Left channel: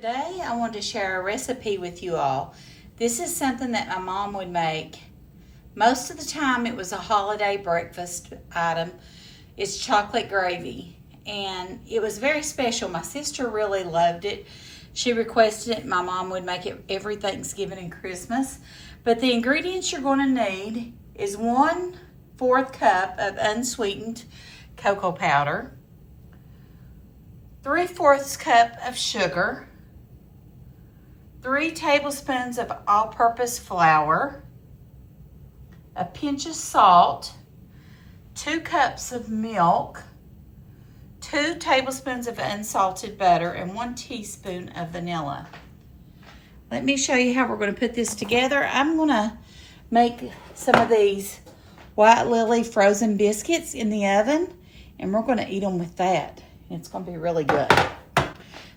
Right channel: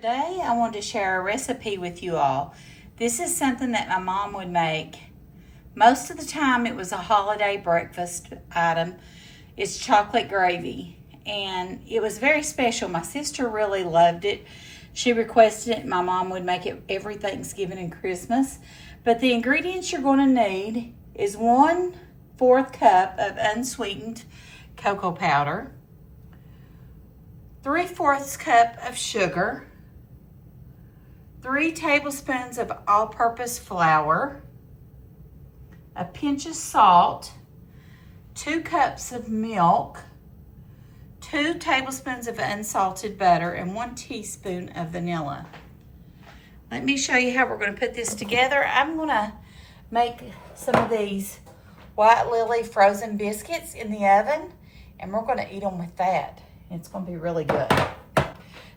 Today I want to share a recipe with you all. This is something that my mom would make. Most of the time it was a holiday breakfast item. It's chocolate gravy, and it was very special. My sister really loved it. She requested it. My mom would make it every Thanksgiving and Christmas. But the ingredients you're going to need is 1/4 cup of unsweetened cocoa powder, 3/4 cup of sugar, 3 tablespoons of all-purpose flour, a pinch of salt, 2 cups of milk, 2 tablespoons of unsalted butter, and 1 teaspoon of vanilla. Let me show you how we're going to put this together. I'm going to make some of these White Lily frozen biscuits in the oven, and we're going to eat them with that. It's going to be really good.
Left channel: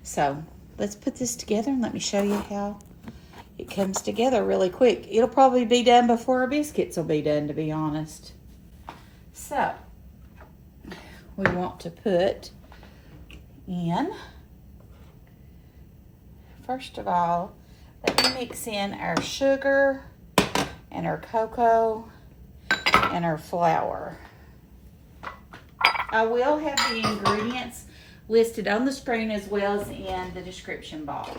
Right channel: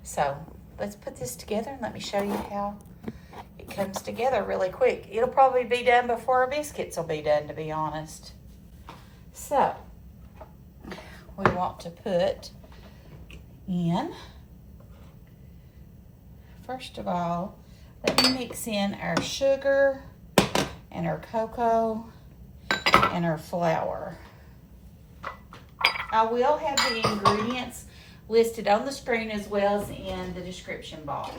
So let's put this together and let me show you how it comes together really quick. It'll probably be done before our biscuits will be done, to be honest. So we want to put in, first of all, let me mix in our sugar and our cocoa and our flour. I will have the ingredients listed on the screen as well as in the description box.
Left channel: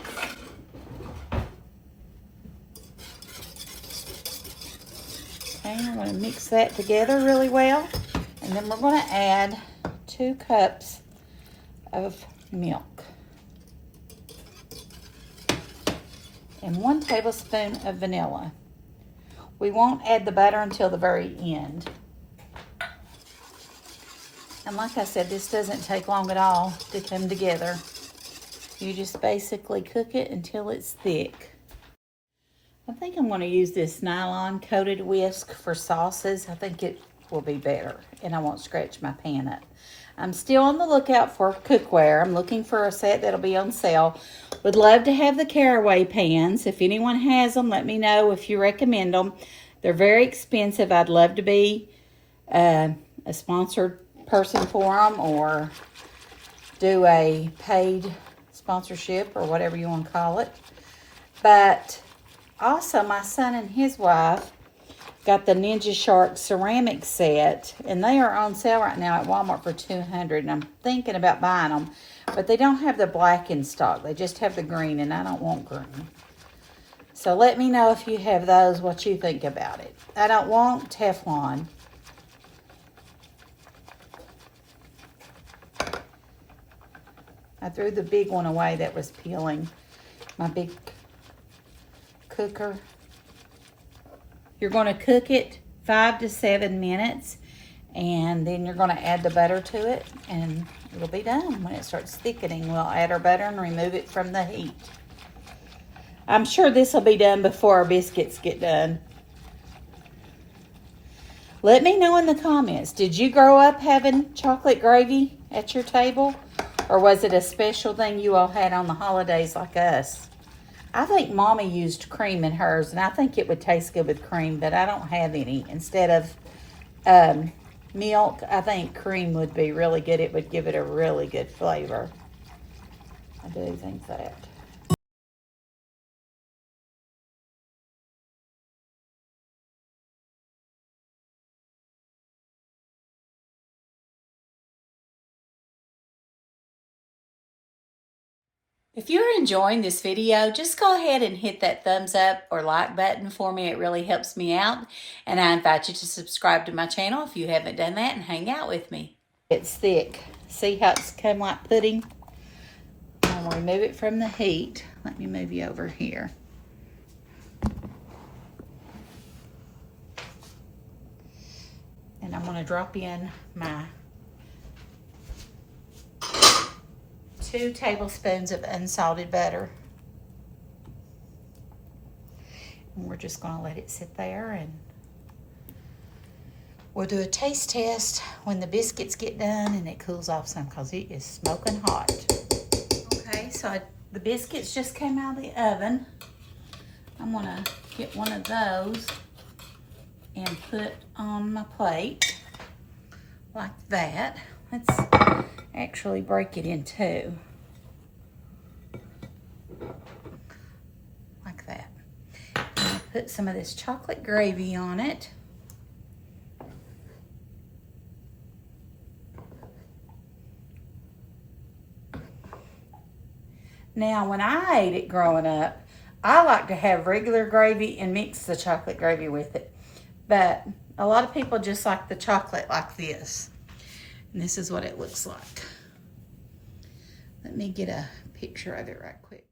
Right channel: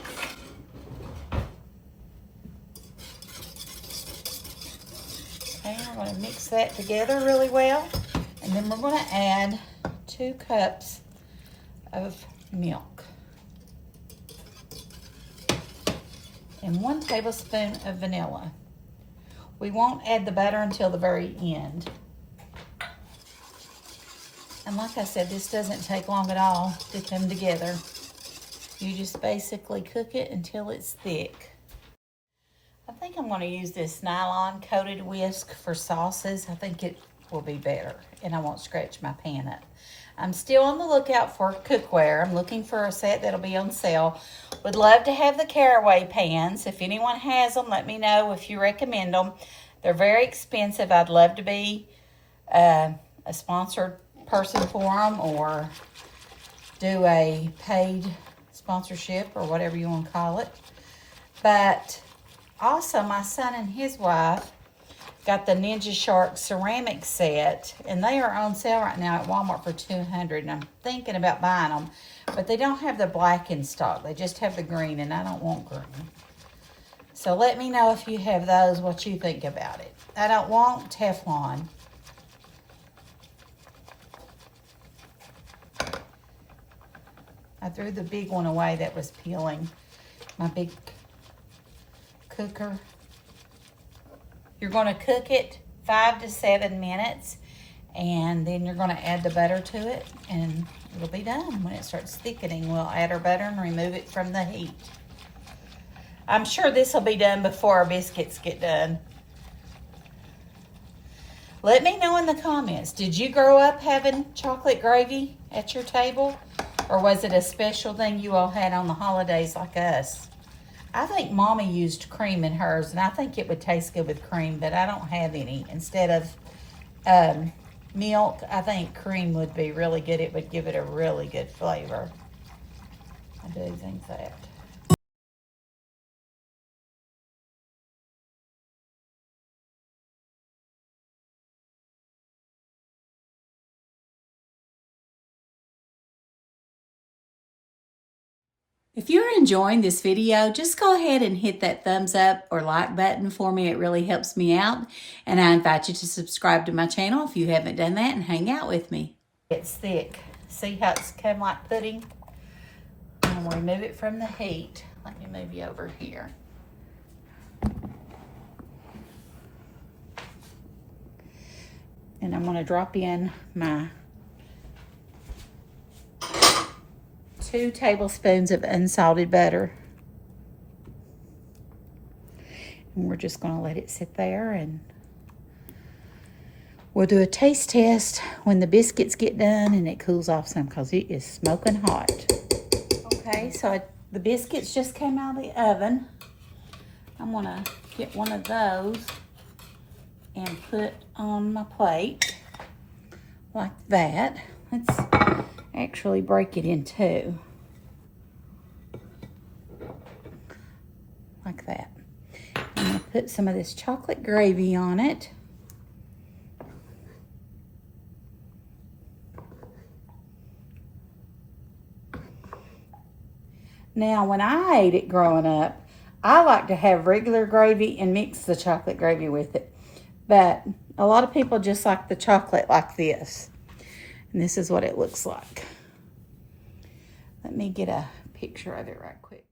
Okay, I'm going to mix that together really well, and then we're going to add 2 cups of milk and 1 tablespoon of vanilla. We won't add the butter until the very end. And like I said, this doesn't take long at all to come together. You just basically cook it until it's thick. I think I'm going to use this nylon coated whisk for sauces. I think it will be better, and I won't scratch my pan up. I'm still on the lookout for cookware. I'm looking for a set that'll be on sale. Would love to have the caraway pans. If anyone has them, let me know if you recommend them. They're very expensive. I'd love to be a sponsored person for them, or do a paid sponsorship, or whatever you want to call it. But also my son and his wife got the Ninja Shark ceramic set, and they are on sale right now at Walmart for $200, and I'm thinking about buying them, but they don't have the black in stock. They just have the green, and I don't want green. So let me know if you have those, what you think about it. I don't want Teflon. I threw the big one away that was peeling. My big cooker. You're going to cook it 5 to 7 minutes, and then you're going to add the butter to it, and it'll be done. When it starts thickening, we'll add our butter and remove it from the heat. I'm sure this will be done before our biscuits get done. Let me know in the comments, did you grow up having chocolate gravy at your table? Or was it a special thing you all had on the holidays like us? I think Mommy used cream in hers, and I think it would taste good with cream, but I don't have any. Instead of milk, I think cream would be really good. It would give it a really good flavor. I do think that. If you're enjoying this video, just go ahead and hit that thumbs up or like button for me. It really helps me out. And I invite you to subscribe to my channel if you haven't done that, and hang out with me. It's thick. See how it's come like pudding? I'll remove it from the heat. Let me move you over here. And I'm going to drop in my 2 tablespoons of unsalted butter. And we're just going to let it sit there, and we'll do a taste test when the biscuits get done and it cools off some, because it is smoking hot. Okay, so the biscuits just came out of the oven. I'm going to get one of those and put on my plate like that. Let's actually break it in two. put some of this chocolate gravy on it. Now, when I ate it growing up, I like to have regular gravy and mix the chocolate gravy with it. But a lot of people just like the chocolate like this. And this is what it looks like. Let me get a picture of it right quick.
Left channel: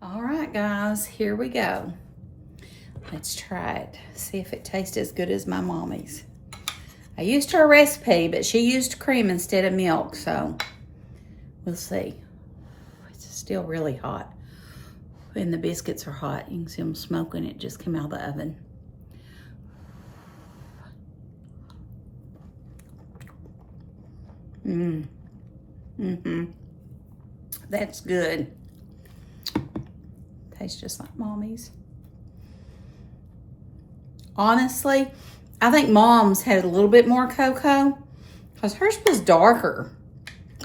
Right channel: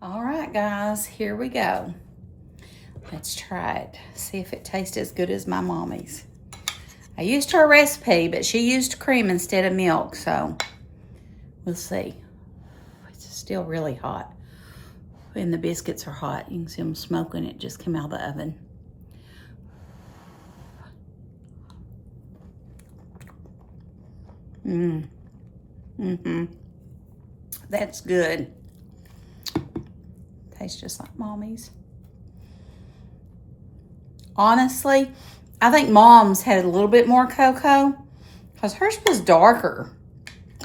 All right, guys, here we go. Let's try it. See if it tastes as good as my mommy's. I used her recipe, but she used cream instead of milk, so we'll see. It's still really hot. And the biscuits are hot. You can see them smoking. It just came out of the oven. That's good. Tastes just like mommy's. Honestly, I think Mom's had a little bit more cocoa because hers was darker.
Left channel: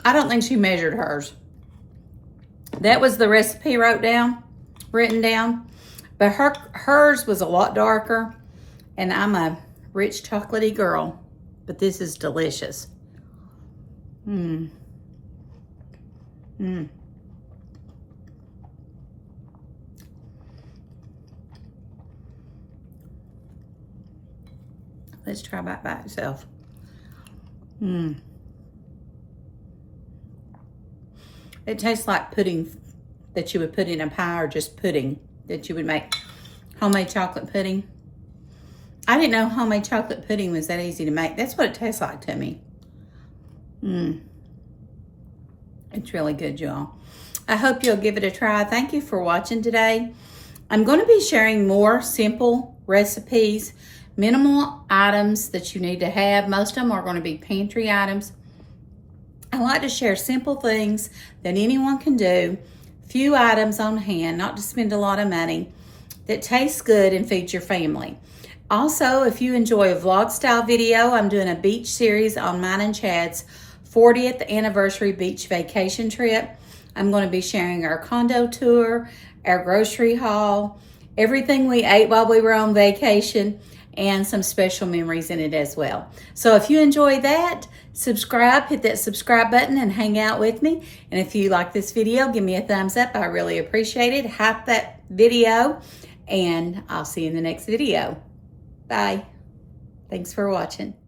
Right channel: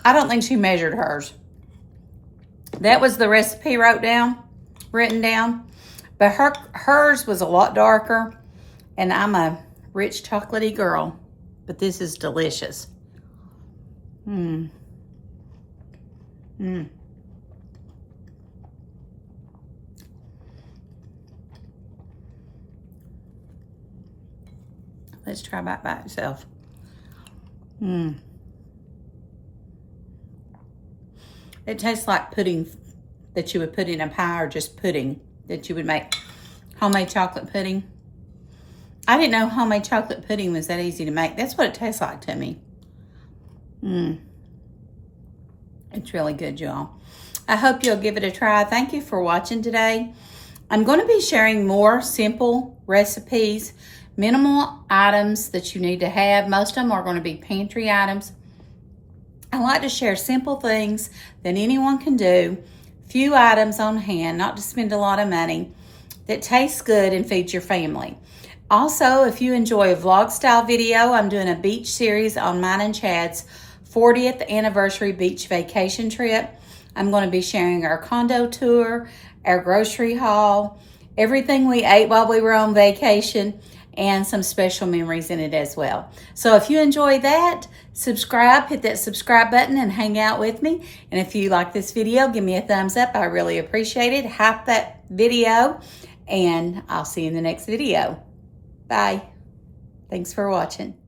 I don't think she measured hers. That was the recipe written down, but hers was a lot darker, and I'm a rich chocolatey girl, but this is delicious. Let's try by itself. It tastes like pudding that you would put in a pie, or just pudding that you would make. Homemade chocolate pudding. I didn't know homemade chocolate pudding was that easy to make. That's what it tastes like to me. It's really good, y'all. I hope you'll give it a try. Thank you for watching today. I'm going to be sharing more simple recipes, minimal items that you need to have. Most of them are going to be pantry items. I like to share simple things that anyone can do, few items on hand, not to spend a lot of money, that tastes good and feeds your family. Also, if you enjoy a vlog style video, I'm doing a beach series on mine and Chad's 40th anniversary beach vacation trip. I'm going to be sharing our condo tour, our grocery haul, everything we ate while we were on vacation, and some special memories in it as well. So if you enjoy that, subscribe, hit that subscribe button and hang out with me. And if you like this video, give me a thumbs up. I really appreciate it. Hype that video, and I'll see you in the next video. Bye. Thanks for watching.